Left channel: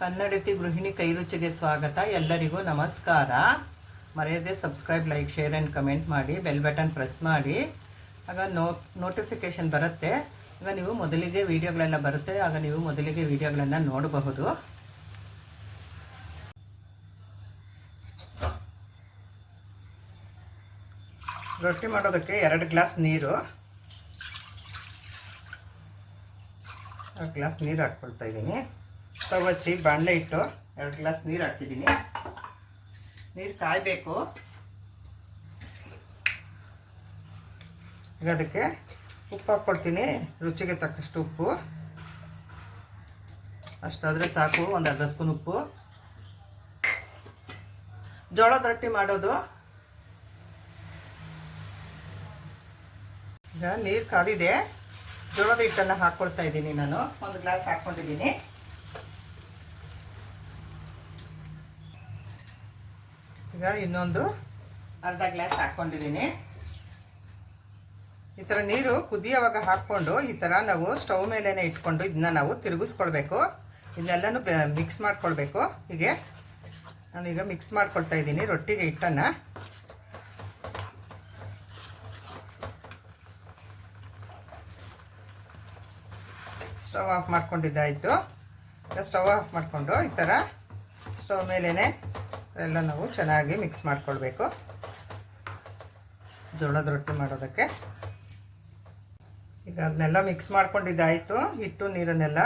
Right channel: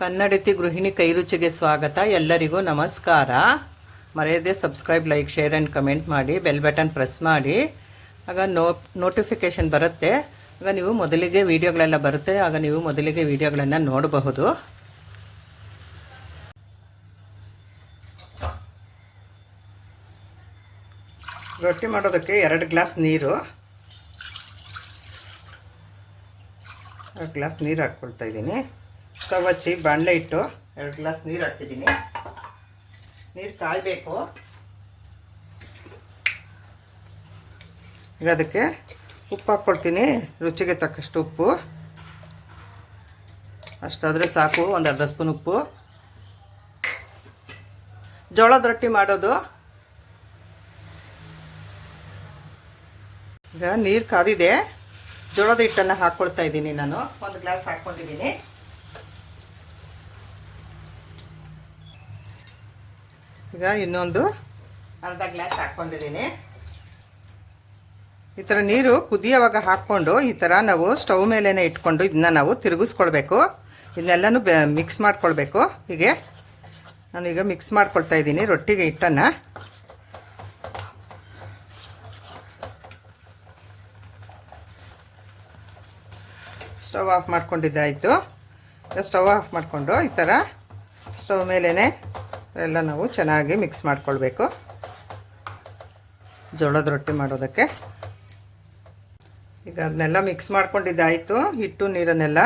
ಕನ್ನಡತಿ ಗೃಹಿಣಿ ಕೈರುಚಿಗೆ ಸ್ವಾಗತ. ಎಲ್ಲರಿಗೂ ನಮಸ್ಕಾರ. ಮರೆಯದೆ subscribe, like, share and comment ಮಾಡಿ. ಬೆಲ್ ಬಟನ್ ಪ್ರೆಸ್ ಮಾಡಿ. ಆಗ ನೋಟಿಫಿಕೇಷನ್ ಬರುತ್ತೆ. ಆಗ ನೀವು ಮೊದಲಿಗೆ ವೀಡಿಯೋಗಳೆಲ್ಲ ಬರುತ್ತೆ. ಆಗ ನೀವು ಮೊದಲಿಗೆ ವೀಡಿಯೋಗಳನ್ನು ನೋಡಬಹುದು. ರೊಟ್ಟಿ ಮಾಡೋದಕ್ಕೆ 2 ಗ್ಲಾಸ್ ನೀರು, 2 ಗ್ಲಾಸ್ ನೀರು ಹಾಕ್ಕೊಳ್ತಾ ಇದ್ದೀನಿ. ಸ್ಟವ್ ಹಚ್ಚಿ ಬಾಣಲೆ ಇಟ್ಟು 2 ಗ್ಲಾಸ್ ನೀರು ಹಾಕ್ತಿದ್ದೀನಿ. ನೀರು ಕಾಯಬೇಕು. ಈಗ ಅದಕ್ಕೆ ಉಪ್ಪು ಹಾಕ್ಕೊಳ್ತೀನಿ. ರುಚಿಗೆ ತಕ್ಕಷ್ಟು ಉಪ್ಪು, ಅಷ್ಟಾದರೆ ಸಾಕು. ಒಂದು ಅರ್ಧ ಸ್ಪೂನ್ ಉಪ್ಪು. ಜೋಳದ ರೊಟ್ಟಿ ಮಾಡೋದು. ಈಗ ನೀರು ಕಾದಿದೆ. ಜೋಳದ ಹಿಟ್ಟನ್ನು ಹಾಕ್ಕೊಳ್ತಾ ಇದ್ದೀನಿ. ನಾನು 1 ಗ್ಲಾಸ್ ಹಾಕ್ಕೊಂಡಿದ್ದೀನಿ. ಈಗ ಇನ್ನೊಂದು ಅರ್ಧ ಗ್ಲಾಸ್ ಹಾಕ್ಕೊಂಡಿದ್ದೀನಿ. ಈ ಥರ ನೀರು ಕುದಿಯೋವಾಗ ಹಾಕ್ಕೊಂಡು ಈ ಥರ ನಾವು ಸ್ಟವ್ ಮೇಲೇ ಇಟ್ಕೊಂಡು ಇದನ್ನ ನಾವು ತಿರುಗಿಸ್ಕೊಳ್ಬೇಕು. ಇದನ್ನೆಲ್ಲನೂ ಮಿಕ್ಸ್ ಮಾಡ್ಕೊಳ್ಬೇಕು. ಹೀಗೆ ನಾನೀಗ ಮಿಕ್ಸ್ ಮಾಡ್ಕೊಳ್ತಾ ಇದ್ದೀನಿ ರೊಟ್ಟಿಗೆ ಹಿಟ್ಟನ್ನು. ಸ್ಟವ್ ಆಫ್ ಮಾಡ್ಕೊಂಡಿದ್ದಾಯಿತು. ಈಗ ಸ್ಟವ್ ಆಫ್ ಮಾಡಿಕೊಂಡು ಈ ಥರ ಸ್ಟವ್ ಮೇಲೇ ಎಲ್ಲ ನಾವು ಚೆನ್ನಾಗಿ ಮಿಕ್ಸ್ ಮಾಡ್ಕೊಳ್ಬೇಕು ಜೋಳದ ರೊಟ್ಟಿ ಮಾಡೋದಕ್ಕೆ. ಈಗ ಅದನ್ನೆಲ್ಲ ಮಿಕ್ಸ್ ಮಾಡ್ಕೊಂಡಿದ್ದಾಯಿತು, ಹಿಟ್ಟು ನೀರನ್ನೆಲ್ಲ.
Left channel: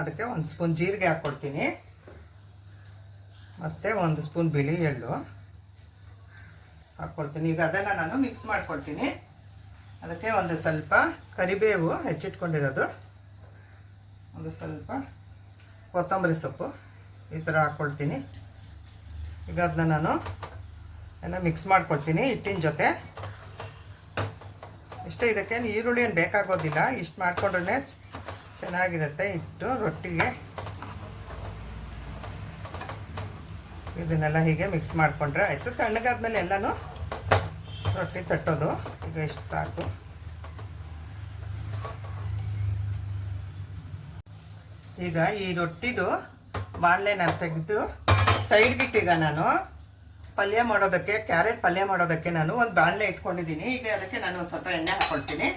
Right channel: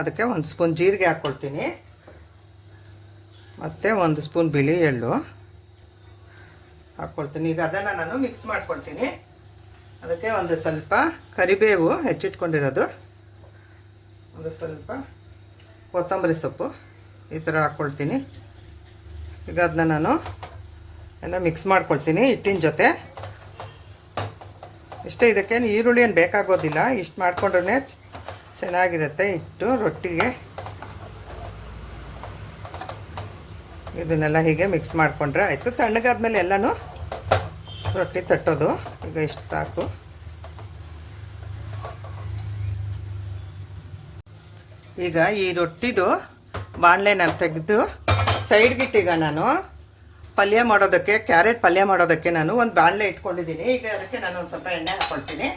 ಅದಕ್ಕೆ 1 ಸ್ಪೂನ್ ಜೀರಿಗೆ ಹಾಕ್ಕೊಳ್ತೀನಿ, ಮತ್ತು 1 ಸ್ಪೂನ್ ಬಿಳಿ ಎಳ್ಳು ಹಾಕ್ಕೊಳ್ತೀನಿ. ಈಗ ಅದನ್ನು ನಾನು ಮಿಕ್ಸ್ ಮಾಡ್ಕೊಳ್ತೀನಿ. ಅದಕ್ಕೆ ಒಂದು ಸ್ವಲ್ಪ ಕರಿಬೇವು ಹೆಚ್ಚಿಟ್ಕೊಂಡಿರೋದು, ಒಂದು ಸ್ವಲ್ಪ ಕೊತ್ತಂಬರಿ ಸೊಪ್ಪು ಈ ಥರ ಹಾಕ್ಕೊಳ್ತೀನಿ. ಈಗ ಅದನ್ನ ನಾನು ಎಲ್ಲ ಮಿಕ್ಸ್ ಮಾಡ್ಕೊಳ್ತೀನಿ ಹಿಟ್ಟಿನ ಜೊತೆ. ಇಷ್ಟೇ, ಇದಕ್ಕೆ ಈರುಳ್ಳಿ ಏನು ಬೇಕಾಗೋದಿಲ್ಲ. ಇಷ್ಟು ಮಾಡಿಕೊಂಡ್ರೆ ಚೆನ್ನಾಗಿರುತ್ತೆ ಹಿಟ್ಟು ರೊಟ್ಟಿಗೆ. ಇದನ್ನೆಲ್ಲ ಹೀಗೆ ಮಿಕ್ಸ್ ಮಾಡಿಕೊಂಡ್ರೆ ಆಯಿತು. ತಣ್ಣಗಾದ್ಮೇಲೆ ಎಲ್ಲನೂ ರೊಟ್ಟಿ ತಟ್ಟೋದು. ಈಗ ಇಷ್ಟು ಸಾಕು. ಈಗ ಈ ರೊಟ್ಟಿದು ಬಾಣಲೆ ನಾನು ತೆಗೆದು ಸೈಡ್ಗಿಟ್ಟೀಗ ನಾನು ಪಲ್ಯ ಮಾಡೋದಕ್ಕೆ, ಕ್ಯಾರೆಟ್ ಪಲ್ಯ ಮಾಡೋದಕ್ಕೆ ನಾನು ಒಂದು ಬಾಣಲೆ ಇಟ್ಕೊಂಡಿದ್ದೀನಿ. ಈಗ ಅದಕ್ಕೆ ನಾನು ಒಂದು ಸ್ವಲ್ಪ ಎಣ್ಣೆ ಹಾಕ್ಕೊಳ್ತೀನಿ.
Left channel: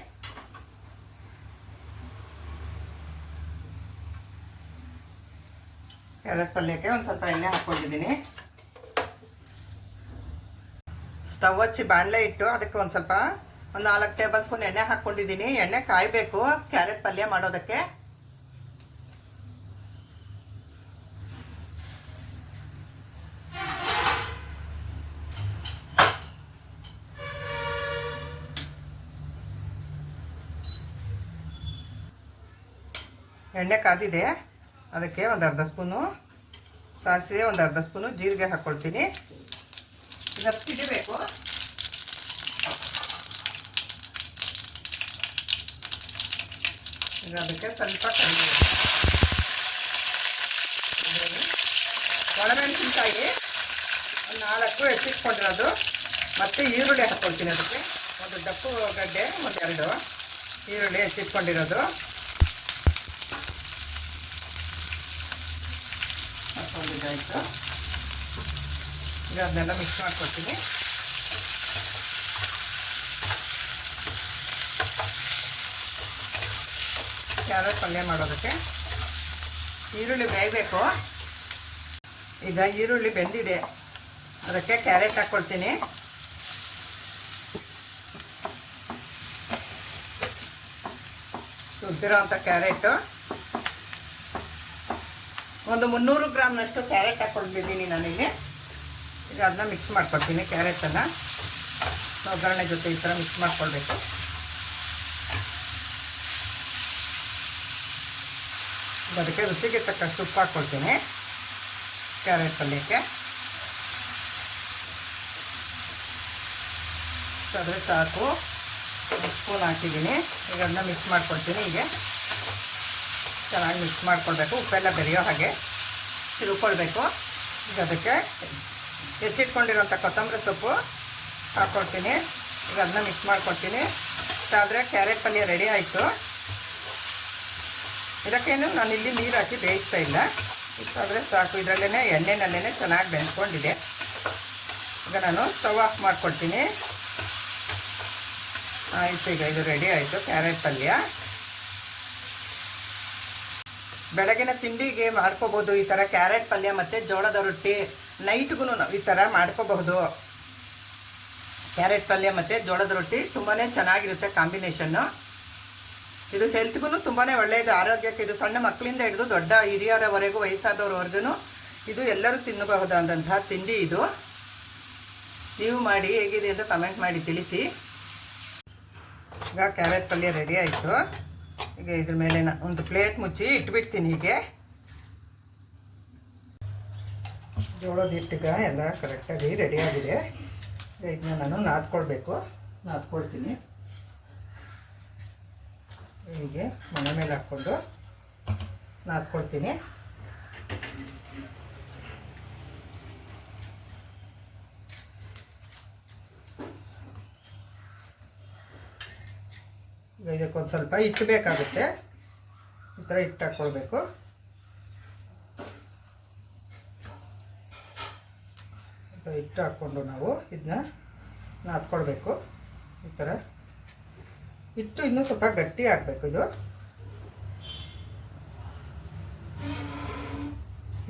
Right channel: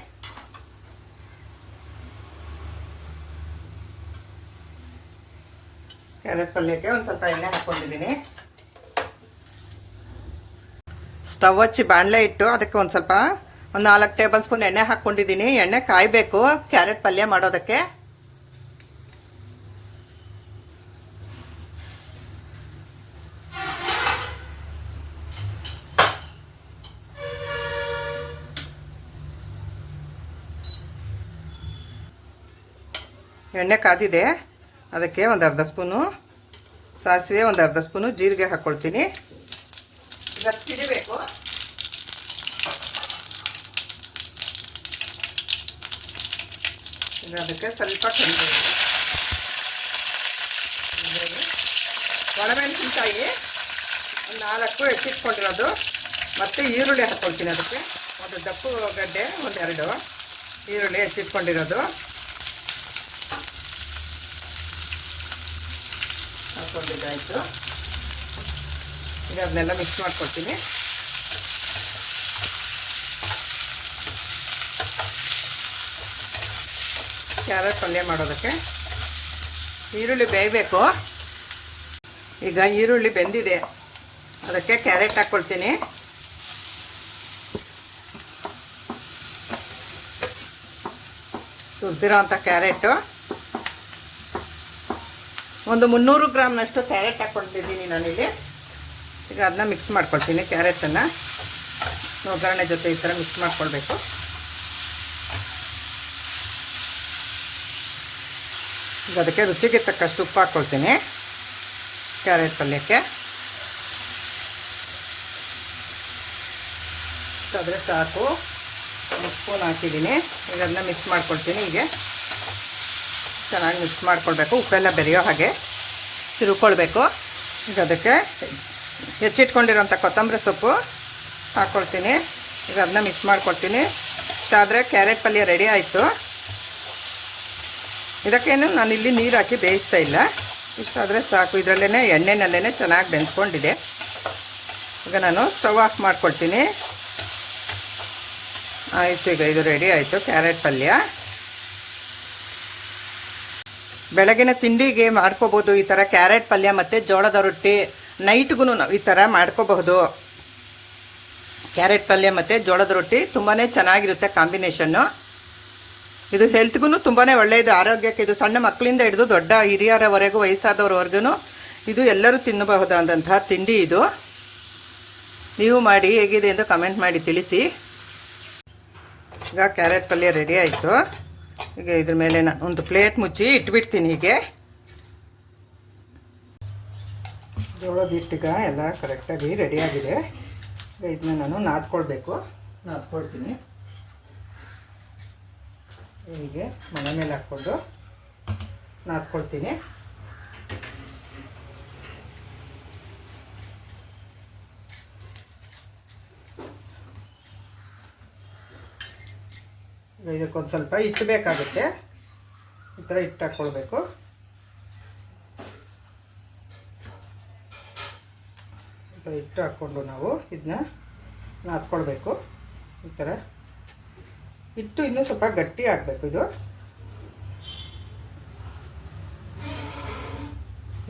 ಕ್ಯಾರೆಟ್ ಪಲ್ಯಕ್ಕೆ ಒಂದು ಸ್ವಲ್ಪ ಎಣ್ಣೆ ಹಾಕ್ಕೊಂಡಿದ್ದೀನಿ. ಸ್ಟವ್ ಹಚ್ಚಿ ಬಾಣಲೆ ಇಟ್ಟು ಅದಕ್ಕೆ ಒಂದು 4 ಟೇಬಲ್ ಸ್ಪೂನ್ ಎಣ್ಣೆ ಹಾಕ್ಕೊಂಡಿದ್ದೀನಿ. ಎಣ್ಣೆ ಕಾಯಬೇಕು ಕ್ಯಾರೆಟ್ ಪಲ್ಯ ಮಾಡೋದಕ್ಕೆ. ಎಣ್ಣೆ ಕಾದಿದೆ. ಅದಕ್ಕೆ ಒಂದು ಅರ್ಧ ಸ್ಪೂನು ಸಾಸಿವೆ, ಒಂದು ಅರ್ಧ ಸ್ಪೂನು ಜೀರಿಗೆ ಹಾಕ್ಕೊಳ್ತೀನಿ. ಇದಕ್ಕೆ ಸಿಡಿಬೇಕು. ಈಗ ಅದಕ್ಕೆ ಸ್ವಲ್ಪ ಒಣಮೆಣಸಿನಕಾಯಿ 4 ಹೆಚ್ಚಿಟ್ಕೊಂಡಿರೋದು, ಮತ್ತು ಈರುಳ್ಳಿ ಹಾಕ್ಕೊಳ್ತೀನಿ. ಅದಕ್ಕೆ ಒಂದು ದಪ್ಪು ಗಡ್ಡೆ, 2 ಈರುಳ್ಳಿ ಹೆಚ್ಚಿಟ್ಕೊಂಡಿರೋದು ಹಾಕ್ಕೊಂಡಿದ್ದಾಯಿತು. ಈಗ ಅದನ್ನೆಲ್ಲ ಮಿಕ್ಸ್ ಮಾಡ್ಕೊಳ್ತೀನಿ. ಕ್ಯಾರೆಟ್ ಪಲ್ಯ ಮಾಡೋದಕ್ಕೆ ಈರುಳ್ಳಿ ಬೇಯಬೇಕು. ಈಗ ಈರುಳ್ಳಿ ಬೆಂದಿದೆ. ಅದಕ್ಕೆ ಕ್ಯಾರೆಟ್ ಹಾಕ್ಕೊಳ್ತೀನಿ. ತುರಿದಿರೋ ಅಂಥ ಕ್ಯಾರೆಟು ಒಂದು 300 ಗ್ರಾಮ್ನಷ್ಟು ಕ್ಯಾರೆಟ್ ಹಾಕ್ಕೊಂಡಿದ್ದೀನಿ ನಾನಿಲ್ಲಿ. ಈಗ ಅದನ್ನ ಮಿಕ್ಸ್ ಮಾಡ್ಕೊಳ್ತೀನಿ. ಕ್ಯಾರೆಟನ್ನು ಒಗ್ಗರಣೆ ಜೊತೆ ಈ ಥರ ಮಿಕ್ಸ್ ಮಾಡ್ಕೊಳ್ಬೇಕು. ಈಗ ಅದಕ್ಕೆ ರುಚಿಗೆ ತಕ್ಕಷ್ಟು ಉಪ್ಪು ಹಾಕ್ಕೊಳ್ತೀನಿ ಕ್ಯಾರೆಟ್ ಪಲ್ಯಕ್ಕೆ. ಆದರೆ ಸಾಕು, 1 ಸ್ಪೂನ್ ಹಾಕಿದ್ದೀನಿ. ಈಗ ಅದನ್ನ ಮಿಕ್ಸ್ ಮಾಡ್ಕೊಳ್ತೀನಿ. ಹೀಗೆ ಚೆನ್ನಾಗಿ ಮಿಕ್ಸ್ ಮಾಡ್ಕೊಳ್ಬೇಕು. ಉಪ್ಪೆಲ್ಲ ಬೆರೆಯೋ ಹಾಗೆ ತಿರುಕೊಳ್ಬೇಕು. ಈಗ ಅದಕ್ಕೆ ಹೆಚ್ಚಿಟ್ಕೊಂಡಿರೋಂಥ ಕೊತ್ತಂಬರಿ ಸೊಪ್ಪು ಹಾಕ್ಕೊಳ್ತೀನಿ. ಈಗ ಅದನ್ನ ಮಿಕ್ಸ್ ಮಾಡ್ಕೊಳ್ತೀನಿ. ಇಷ್ಟಾದರೆ ಕ್ಯಾರೆಟ್ ಪಲ್ಯ ರೆಡಿ ಆಯಿತು. ಇದಕ್ಕೇನು ನಾನಿಲ್ಲಿ ನೀರು ಹಾಕಿ ಬೇಯಿಸ್ತಾ ಇಲ್ಲ. ಇಷ್ಟಾದರೆ ಸಾಕು. ಇದರಲ್ಲೇ ಎಣ್ಣೆನಲ್ಲೇ ಚೆನ್ನಾಗಿ ಬೆಂದ್ಕೊಂಡಿದೆ. ಈಗ ನಾನು ಸ್ಟವ್ ಆಫ್ ಮಾಡ್ಕೊಳ್ತೀನಿ. ಆಯಿತು, ಈಗ ಇದು ರೆಡಿ ಆಯಿತು ಕ್ಯಾರೆಟ್ ಪಲ್ಯ. ಬೆಳಗಿನ ತಿಂಡಿಗೆ ಮಾಡ್ಕೋಬೋದು ಈ ಥರ ಕ್ಯಾರೆಟ್ ಪಲ್ಯ ಮತ್ತು ಜೋಳದ ರೊಟ್ಟಿ. ನೈಟ್ಗೂ ನಾವು ಈ ಥರ ಮಾಡ್ಕೋಬಹುದು. ಕ್ಯಾರೆಟ್ ಪಲ್ಯ ಮತ್ತು ಜೋಳದ ರೊಟ್ಟಿ ತುಂಬಾ ಚೆನ್ನಾಗಿರುತ್ತೆ ಕಾಂಬಿನೇಷನ್ನು. ಇದು ಹೆಲ್ತ್ಗೂ ತುಂಬಾ ಒಳ್ಳೆಯದು, ಆರೋಗ್ಯಕ್ಕೆ. ಇದು ಸಣ್ಣ ಮಕ್ಕಳಿಂದ ಹಿಡಿದು ದೊಡ್ಡ ಹಿರಿಯರವರೆಗೂ, ವಯಸ್ಸಾದವರವರೆಗೂ ಇದು ಎಲ್ಲರೂ ತಿನ್ನಬಹುದಾದಂತಹ ತಿಂಡಿ ಇದು. ನೀವು ಮಾಡಿ ಹೇಗಿದೆ ಎಂದು ಕಮೆಂಟ್ ಮಾಡಿ ತಿಳಿಸಿ. ಈಗ ಕ್ಯಾರೆಟ್ ಪಲ್ಯ ರೆಡಿ ಆಯಿತು. ಈಗ ಇದ್ರ ಮೇಲೆ ಒಂದು ಪ್ಲೇಟ್ ಮುಚ್ಚಿ ಇಟ್ಬಿಡ್ತೀನಿ. ಹೀಗೆ ಜೋಳದ ಹಿಟ್ಟಿಗ ಎಲ್ಲ ಕರೆಕ್ಟಾಗಿ ರೆಡಿಯಾಗಿದೆ. ಇದನ್ನ ನಾನು ನಾದ್ಕೊಳ್ತೀನಿ. ಹೀಗೆ ಮನೆ ಮೇಲೆ ಹಾಕ್ಕೊಂಡು ನಾದ್ಕೊಳ್ತೀನಿ. ಇದಕ್ಕೊಂದು ಸ್ವಲ್ಪ ಹಿಟ್ಟು ಬೇಕಾಗುತ್ತೆ. ಈ ಥರ ಹಿಟ್ಟು ಹಾಕ್ಕೊಳ್ಬೇಕು. ಈ ಥರ ಹಿಟ್ಟು ಹಾಕ್ಕೊಂಡು ನಾವು ಇದನ್ನ ನಾದ್ಕೊಳ್ಬೇಕು. ಈ ಥರ ಹಿಟ್ಟು ಇನ್ನೂ ಸ್ವಲ್ಪ ಗಟ್ಟಿ ಆಗಬೇಕು.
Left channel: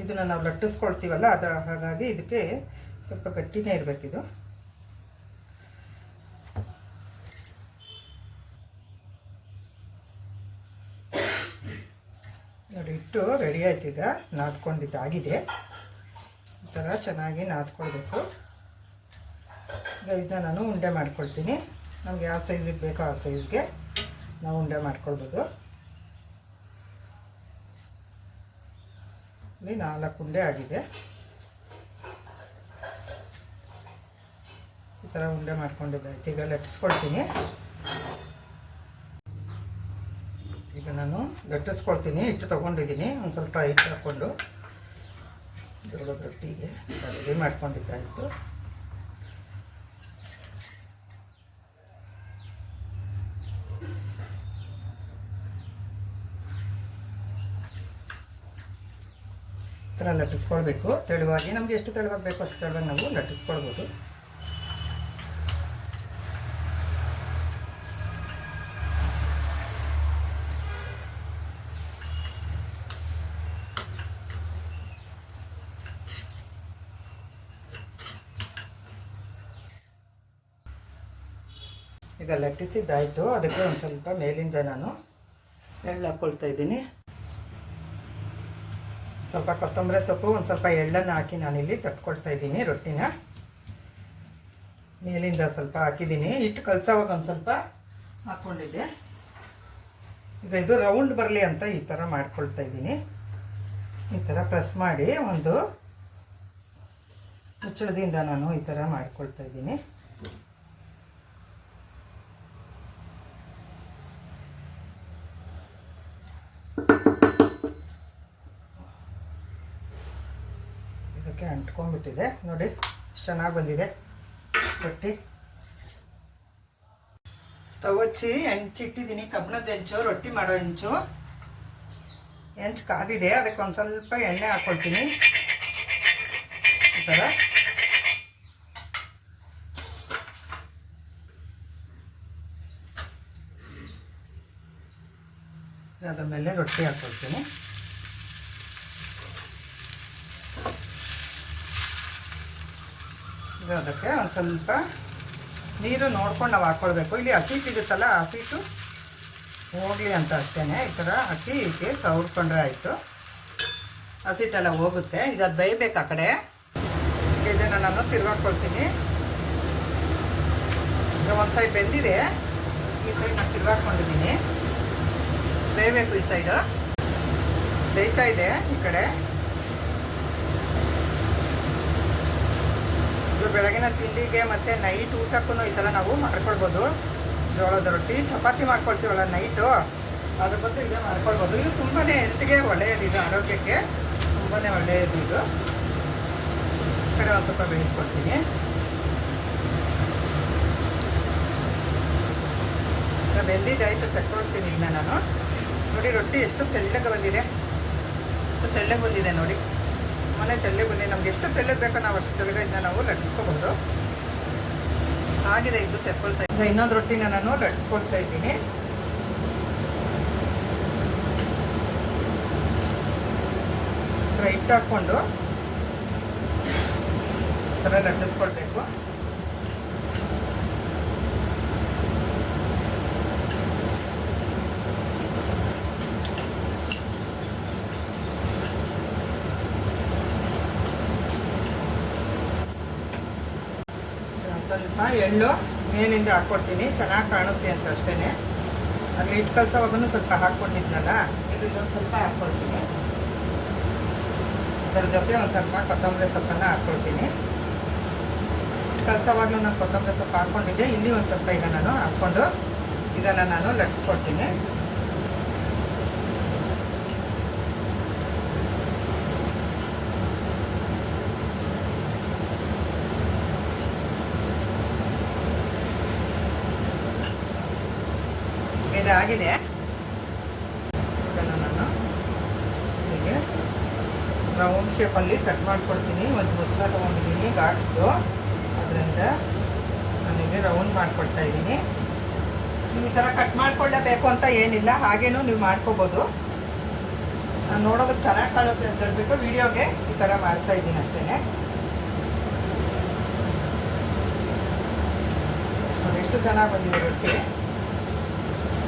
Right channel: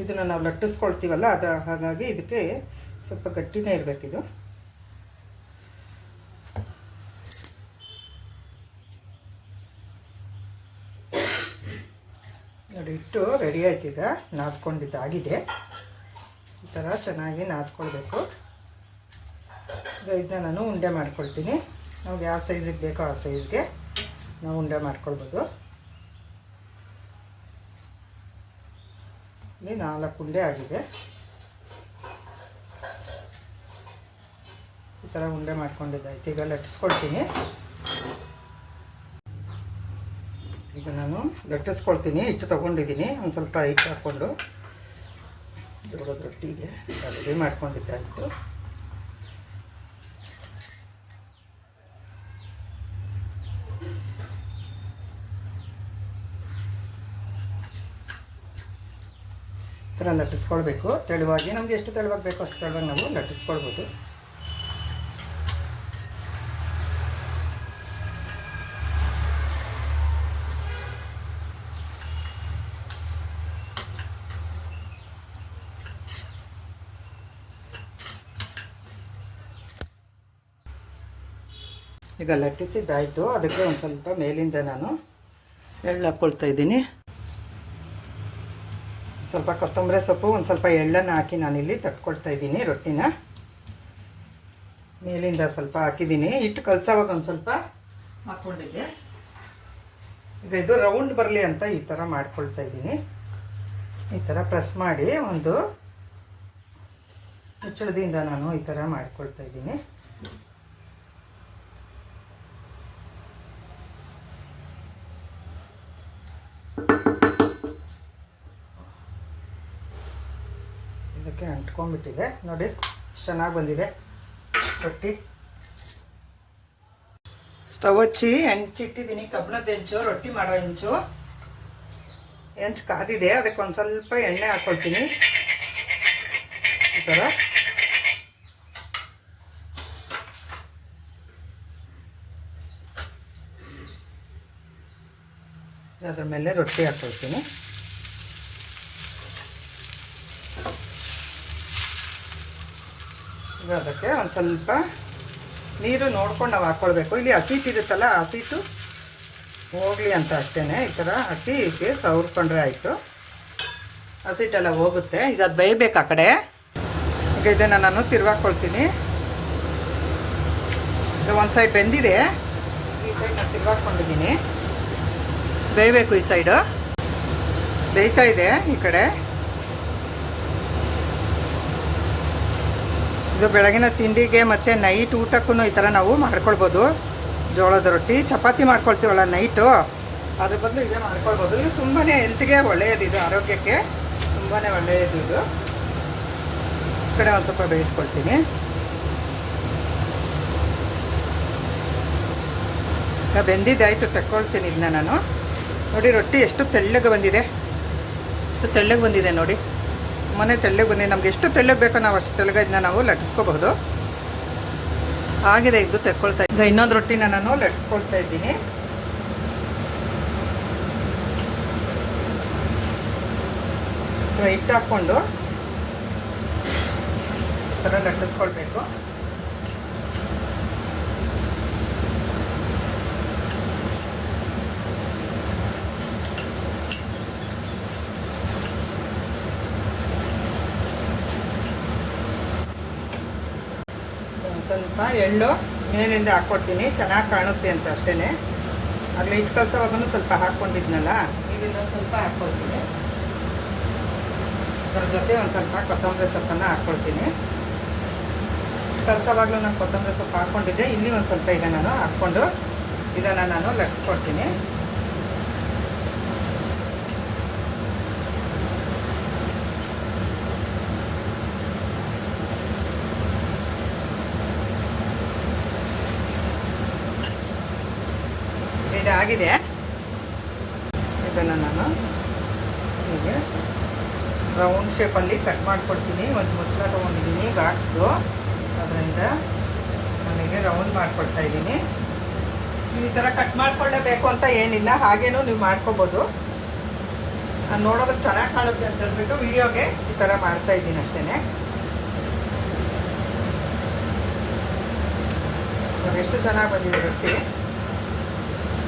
ಇದನ್ನು ನಾವು ಲಟ್ಟಿಸ್ಕೊಳ್ತೀವಲ್ಲ, ಹಾಗಾಗಿ ಇದಕ್ಕೆ ಸ್ವಲ್ಪ ಗಟ್ಟಿನೇ ಇರಬೇಕಿದು. ನೋಡಿ, ಹಿಟ್ಟು ರೆಡಿ ಆಯ್ತು. ಈಗ ನಾದ್ಕೊಂಡಿದ್ದಾಗಿದೆ. ಈ ಥರ ಚೆನ್ನಾಗಿ ನಾದ್ಕೊಳ್ಬೇಕು. ಈಗ ಇದನ್ನ ನಾನು ಉಂಡೆ ಮಾಡ್ಕೊಳ್ತೀನಿ. ನಮ್ಗೆ ಯಾವ ಸೈಜಿಗೆ ಬೇಕೋ ಆ ಸೈಜ್ಗೆ ನಾವು ಉಂಡೆ ಮಾಡ್ಕೊಳ್ಬೋದು. ಇಲ್ಲಿ 4 ಉಂಡೆ ಆಗಿದೆ. ಈ ಥರ ಉಂಡೆ ಮಾಡ್ಕೊಂಡಿದ್ದಾಯ್ತು. ಈಗ ಲಟ್ಟಿಸ್ಕೊಳ್ತೀನಿ. ಈಗ ನಾನು ಲಟ್ಟಿಸ್ಕೊಳ್ತೀನಿ. ಹಿಟ್ಟು ತೊಗೊಂಡಿದ್ದೀನಿ. ಒಂದು ಸ್ವಲ್ಪ ಹಿಟ್ಟು ಹಾಕ್ಕೊಂಡು ಜೋಳದ ರೊಟ್ಟಿಗೆ ರೆಡಿ ಮಾಡ್ಕೊಂಡಿದ್ದಾಯಿತು. ಈ ಥರ ಲಟ್ಟಿಸ್ಕೊಳ್ಬೇಕು ತೆಳುವಾಗಿ. ನಮ್ಗೆ ಎಷ್ಟು ತೆಳುವಾಗಿ ಬೇಕೋ ಅಷ್ಟು ತೆಳುವಾಗಿ ನಾವು ಲಟ್ಟಿಸ್ಕೊಳ್ಬೋದು. ಈಗ ಲಟ್ಟಿಸಿದ್ದಾಯಿತು. ಅದಕ್ಕೆ ಒಂದು ಸ್ವಲ್ಪ ಮೇಲಿಂದ ನಾನು ಎಳ್ಳು ಹಾಕ್ಕೊಳ್ತಾ ಇದ್ದೀನಿ. ಸ್ವಲ್ಪ ಕೊತ್ತಂಬರಿ ಸೊಪ್ಪು, ಒಂದು ಸ್ವಲ್ಪ ಎಳ್ಳನ್ನು ಹಾಕಿ ನಾನಿಲ್ಲಿ ತಟ್ಕೊಳ್ತಾ ಇದ್ದೀನಿ ರೊಟ್ಟಿನ. ಮೇಲಿಂದ ಸ್ವಲ್ಪ ಹಾಕಿದ್ದೀನಿ. ಹಿಟ್ಟು ಕಲಸೋವಾಗ ಒಂದು ಸ್ವಲ್ಪ ಹಾಕ್ಕೊಂಡಿದ್ದೆ. ಈಗ ಇದು ರೌಂಡ್ ಬರಲಿ ಅಂತ ಈ ಥರ ಮಾಡ್ಕೊಳ್ತಾ ಇದ್ದೀನಿ. ಈ ಥರ ಪ್ರೆಸ್ ಮಾಡಿ ಒಂದು ಮುಚ್ಚಳದಿಂದ ನಾನು ಈ ಥರ ಮಾಡ್ಕೊಳ್ತಾ ಇದ್ದೀನಿ. ಇದಕ್ಕೆ ಅಂಟ್ಕೊಂಡ್ಬಿಟ್ಟಿದೆ ನೋಡಿ, ಚೆನ್ನಾಗಿ ಬಂದಿದೆ ರೊಟ್ಟಿ. ಸ್ಟವ್ ಹಚ್ಚಿ ಹೆಂಚಿಟ್ಟಿದ್ದೀನಿ. ಕಬ್ಬಣದ ಹೆಂಚು, ರೊಟ್ಟಿ ಮಾಡೋ ಹೆಂಚು. ಹೆಂಚು ಕಾದಿದೆ. ಅದಕ್ಕೆ ಒಂದು ಸ್ವಲ್ಪ ಎಣ್ಣೆ ಹಾಕ್ಕೊಳ್ತೀನಿ. ಈ ಥರ ಅದ್ರ ಮೇಲೆ ರೊಟ್ಟಿ ಹಾಕ್ಕೊಳ್ತೀನಿ. ಈಗ ಅದಕ್ಕೆ ಒಂದು ಸ್ವಲ್ಪ ನೀರು ನೋಡ್ಕೊಂಡು ನಾವು ಹಾಕ್ಕೊಳ್ಬೇಕು. ಇಲ್ಲಿ ಹಸಿಟ್ಟು ಇರುತ್ತಲ್ಲ, ಹಸಿಟ್ಟು ಹೋಗಲಿ ಅಂತ ಅಷ್ಟೇ. ಈ ಥರ ಹಾಕಿ ಹೀಗೆ ಸವರ್ಕೊಂಡ್ರೆ ಆಯಿತು. ಹಸಿಟ್ಟೆಲ್ಲ ಹೋಗುತ್ತೆ. ಈಗ ಅದು ಬೇಯಬೇಕು ಆ ಕಡೆ. ಈಗ ಇದನ್ನು ನಾನು ತಿರ್ಗಾಕೊಳ್ತೀನಿ. ಈಗ ಒಂದು ಸೈಡ್ ಬೆಂದಿದೆ, ಈ ಸೈಡ್ ನಾನು ತಿರ್ಗಾಕೊಂಡಿದ್ದೀನಿ. ಬೇಯಬೇಕು. ಈ ಸೈಡು ಬೇಯ್ತಾ ಇದೆ. ಈ ಕಡೆ ಇದು ಬೆಳಗಿನ ತಿಂಡಿಗೆ ಮತ್ತು ನೈಟ್ ಊಟಕ್ಕೂ ಈ ಥರ ನಾವು ಮಾಡ್ಕೊಳ್ಬೋದು. ಜೋಳದ ರೊಟ್ಟಿ, ಚಪಾತಿ ಮಾಡ್ಕೊಳ್ತೀವಲ್ಲ ನೈಟು, ಅದ್ರ ಬದಲು ಇದೇ ಮಾಡ್ಕೊಳ್ಬೋದು. ಇದು ತುಂಬಾ ಹೆಲ್ತ್ಗೆ ಒಳ್ಳೆಯದು. ಇದು ಆರೋಗ್ಯಕ್ಕೆ ತುಂಬಾ ಒಳ್ಳೆಯದು. ಇದು ಈ ಕಡೆ ಒಂದು ಸ್ವಲ್ಪ ಬೇಯಿಸ್ಕೊಳ್ತೀನಿ. ಬೆಂದಿದ್ದಾಯಿತು, ತಕ್ಕೊಳ್ತೀನಿ ಇದನ್ನ ನಾನು. ನೋಡಿ ರೊಟ್ಟಿ ಎಷ್ಟು ತೆಳ್ಳಗೆ ಬಂದಿದೆ, ಎಷ್ಟು ಎಷ್ಟು ತೆಳ್ಳಗೆ ಬಂದಿದೆ ನೋಡಿ, ಮನೆ ತೆಳ್ಳಗೆ ಬಂದಿದೆ. ನಮ್ಗೆ ಎಷ್ಟು ತೆಳ್ಳಗೆ ಬೇಕೋ ನಾವು ಅಷ್ಟು ತೆಳ್ಳಗೆ ಇದನ್ನ ನಾವು ಲಟ್ಟಿಸ್ಕೋಬಹುದು. ಆಗಿದೆ ಇದು ತೆಕ್ಕೊಳ್ತಾ ಈಗ ಇನ್ನೊಂದು ರೊಟ್ಟಿನ ನಾನು ಲಟ್ಟಿಸ್ಕೊಳ್ತಾ ಇದ್ದೀನಿ. ಹಿಟ್ಟು ಹಾಕ್ಕೊಂಡು ಈ ಥರ ಲಟ್ಟಿಸ್ಕೊಳ್ಬೇಕು. ಸ್ವಲ್ಪ ಎಳ್ಳು ಮೇಲಿಂದ ಹಾಕ್ಕೊಡ್ತೀನಿ, ಚೆನ್ನಾಗಿ ಕಾಣುತ್ತೆ ಅಂತ ಅಷ್ಟೇ. ಆಗಲೇ ಹಿಟ್ಟು ಕಲಸೋವಾಗೂ ಸ್ವಲ್ಪ ಹಾಕ್ಕೊಂಡಿದ್ನಲ್ಲ, ಈಗ ಇನ್ನೊಂದು ಸ್ವಲ್ಪ ಹಾಕ್ಕೊಳ್ತೀನಿ. ಅದರ ಜೊತೆ ಒಂದು ಸ್ವಲ್ಪ ಕೊತ್ತಂಬರಿ ಸೊಪ್ಪನ್ನು ಹಾಕ್ಕೊಳ್ತೀನಿ. ಕಲಸೋವಾಗಲೂ ನಾನು ಕೊತ್ತಂಬರಿ ಸೊಪ್ಪು ಹಾಕ್ಕೊಂಡಿದ್ದೆ, ಇಲ್ಲಿ ಒಂದು ಸ್ವಲ್ಪ ಈಗ ನಾನು ಹಾಕ್ಕೊಂಡು ಇದನ್ನು ನಾನು ಲಟ್ಸ್ಕೊಡ್ತೀನಿ. ಇದಾಗಿದೆ. ಇದನ್ನು ನಾನು ಹೀಗೆ ರೌಂಡ್ ಶೇಪಲ್ಲಿ ಕಟ್ ಮಾಡಿಕೊಡ್ತೀನಿ. ಒಂದು ಮುಚ್ಚಳ ತೊಗೊಂಡಿದ್ದೀನಿ ಬಾಕ್ಸ್ದು, ಅದರಿಂದ ನನಗೆ ರೌಂಡ್ ಮಾಡಿಕೊಡ್ತಾ ಇದ್ದೀನಿ. ಈ ಥರ ಕಟ್ ಮಾಡಿಕೊಳ್ಳೇಬೇಕು ಅಂತ ಏನಿಲ್ಲ, ಹಾಗೇನೂ ನೀವು ಮಾಡ್ಕೋಬೋದು. ನಾನು ನೋಡೋದಕ್ಕೆ ಚೆನ್ನಾಗಿ ಕಾಣುತ್ತೆ ಅಂತ ಹೇಳ್ಬಿಟ್ಟು ವಿಡಿಯೋಗೆ ಈ ಥರ ಮಾಡ್ತಾ ಇದ್ದೀನಿ ಅಷ್ಟೇ. ಎಷ್ಟು ಚೆನ್ನಾಗಿ ಬಂದಿದೆ ರೊಟ್ಟಿ,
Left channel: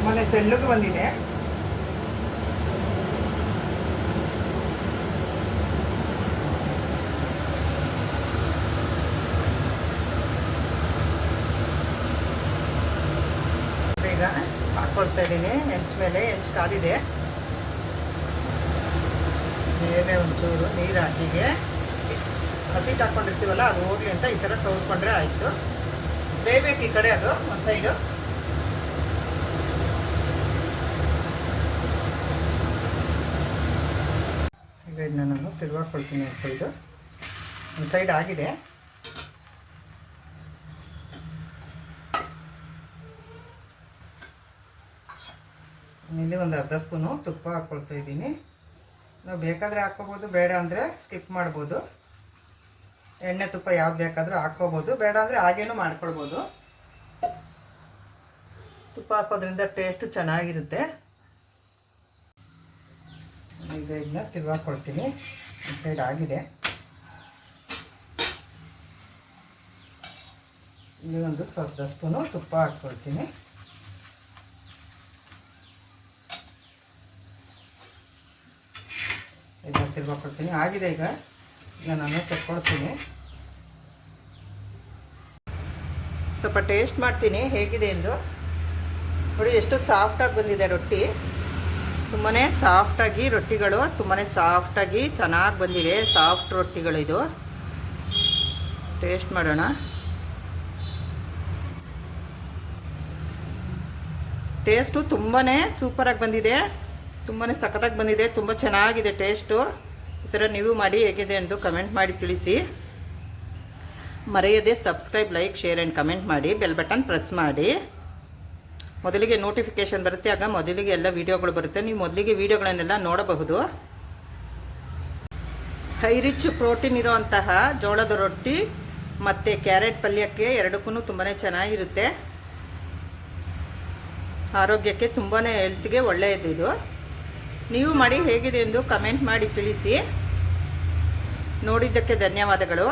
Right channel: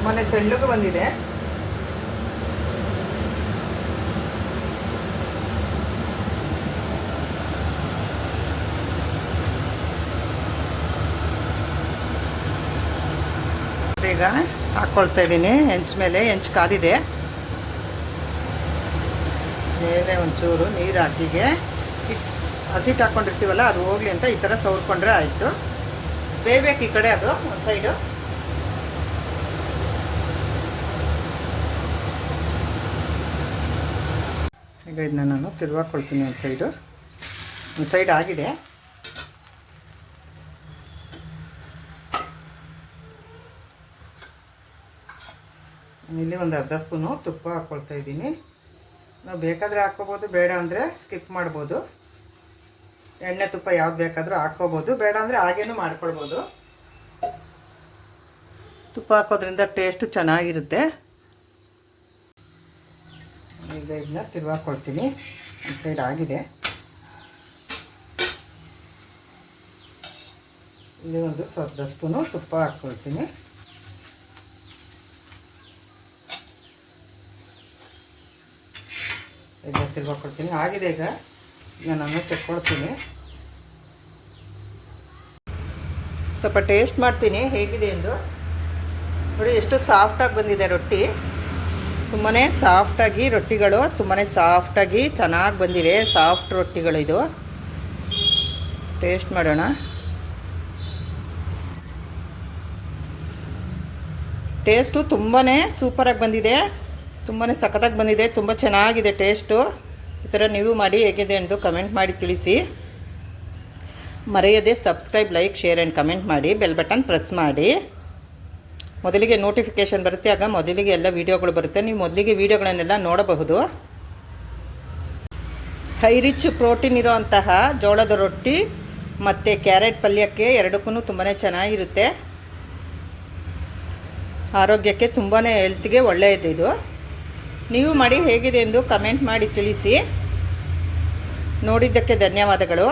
ಮನೆ ತೆಳ್ಳಗೆ ಬಂದಿದೆ. ಈಗ ಹಾಕ್ಕೊಳ್ತಾ ಇದ್ದೀನಿ ಹೆಂಚು ಮೇಲೆ. ಹೆಂಚು ಕಾದಿದೆ, ಬೇರೆ ಒಂಚೂರು ನೀರು ಹಾಕಿಗೆ ಹಸಿಟ್ಟು ಹಾಕ್ಕೊಂಡಿರ್ತೀವಲ್ಲ ಅದು ಹೋಗ್ಲಿ ಅಂತ ಈ ಥರ ಸವರ್ಕೊಂಡ್ರೆ ಆಯಿತು. ಬೇಯಬೇಕು ಈ ಕಡೆ ಅದು ಒಂದು ಸೈಡು. ಈಗ ಇದನ್ನ ನಾನು ತಿರುವಾಕೊಳ್ತೀನಿ. ಒಂದು ಸೈಡ್ ಆಗಿದೆ. ಇಲ್ಲಿ ಒಂದು ಅರ್ಧ ಸ್ಪೂನು ತುಪ್ಪ ಹಾಕ್ಕೊಳ್ತಾ ಇದ್ದೀನಿ. ನಾವು ಬೇಕಾದರೆ ಹಾಕ್ಕೋಬೋದು, ಬೇಡ ಅಂದರೆ ಸ್ಕಿಪ್ ಮಾಡ್ಬೋದು. ಎಣ್ಣೆ ತುಪ್ಪ ಯಾವ್ದು ಬೇಕಾದರೂ ಹಾಕ್ಕೋಬೋದು, ಬೇಡ ಅಂದರೆ ಹಾಗೇನೂ ಮಾಡ್ಕೊಳ್ಬೋದು. ತುಪ್ಪ ಹಾಕೋದ್ರಿಂದ ಟೇಸ್ಟು ಚೆನ್ನಾಗಿರುತ್ತೆ. ಈಗ ಇದನ್ನ ತಿರುವಾಕೊಳ್ತೀನಿ. ಒಂದು ಸೈಡ್ ಆಗಿದೆ. ಇಲ್ಲಿ ಒಂದು ಸ್ವಲ್ಪ ಸ್ಪೂನು ತುಪ್ಪ ಹಾಕ್ಕೊಳ್ತೀನಿ. ಇದನ್ನ ತಿರುವಾಕೊಳ್ತೀನಿ. ಆಗಿದೆ. ಈಗ ನಾನು ತೆಕ್ಕೊಳ್ತೀನಿ. ಸ್ವಲ್ಪ ಟೇಸ್ಟ್ ಮಾಡ್ತೀನಿ ಹೇಗಿದೆ ಎಂದು. ನೋಡಿ ಎಷ್ಟು ಸಾಫ್ಟಾಗಿ ಬಂದಿದೆ ರೊಟ್ಟಿ. ತುಂಬಾ ಸಾಫ್ಟಾಗಿ ರೊಟ್ಟಿಗಳು ತುಂಬಾ ಸಾಫ್ಟಾಗಿ ಚೆನ್ನಾಗಿ ಬಂದಿದೆ. ಸಾಫ್ಟ್ ರೊಟ್ಟಿಗಳು ಇದು. ಟೇಸ್ಟ್ ಮಾಡೋಣ. ಟೇಸ್ಟು ತುಂಬಾ ಸೂಪರಾಗಿ ಬಂದಿದೆ, ತುಂಬಾ ಸಖತ್ತಾಗಿ ಬಂದಿದೆ, ತುಂಬ ಚೆನ್ನಾಗಿದೆ ಟೇಸ್ಟು. ಈ ಥರ ನೀವು ಮಾಡಿ ಹೇಗಿದೆ ಎಂದು ಕಮೆಂಟ್ ಮಾಡಿ ತಿಳಿಸಿ. ಮರೆಯದೆ subscribe, like, share and comment ಮಾಡಿ. ಬೆಲ್ ಬಟನ್ ಪ್ರೆಸ್ ಮಾಡಿ. ಮೊದಲಿಗೆ ನೋಟಿಫಿಕೇಷನ್ ಬರುತ್ತೆ, ಆಗ ಮೊದಲಿಗೆ ಎಲ್ಲ ವೀಡಿಯೋಗಳು ಬರುತ್ತೆ. ನೀವು ಮೊದಲಿಗೆ ವೀಡಿಯೋಗಳನ್ನೆಲ್ಲ ನೋಡಬಹುದು. ಹೈ ರಿಚ್ ಪ್ರೋಟೀನ್ ಇರೋವಂತಹ ಜೋಳದ ರೊಟ್ಟಿ ಮತ್ತು ಕ್ಯಾರೆಟ್ ಪಲ್ಯಕ್ಕೆ ಎರಡಕ್ಕೂ ತುಂಬಾ ಚೆನ್ನಾಗಿರುತ್ತೆ. ಆರೋಗ್ಯಕ್ಕೆ ತುಂಬಾ ಹೆಲ್ತ್ಗೆ ಒಳ್ಳೆಯದು ಇದು. ನೀವು ಮಾಡಿ ಹೇಗಿದೆ ಎಂದು ಕಮೆಂಟ್ ಮಾಡಿ ತಿಳಿಸಿ. ನೋಡಿದ್ದಕ್ಕೆ ಧನ್ಯವಾದಗಳು.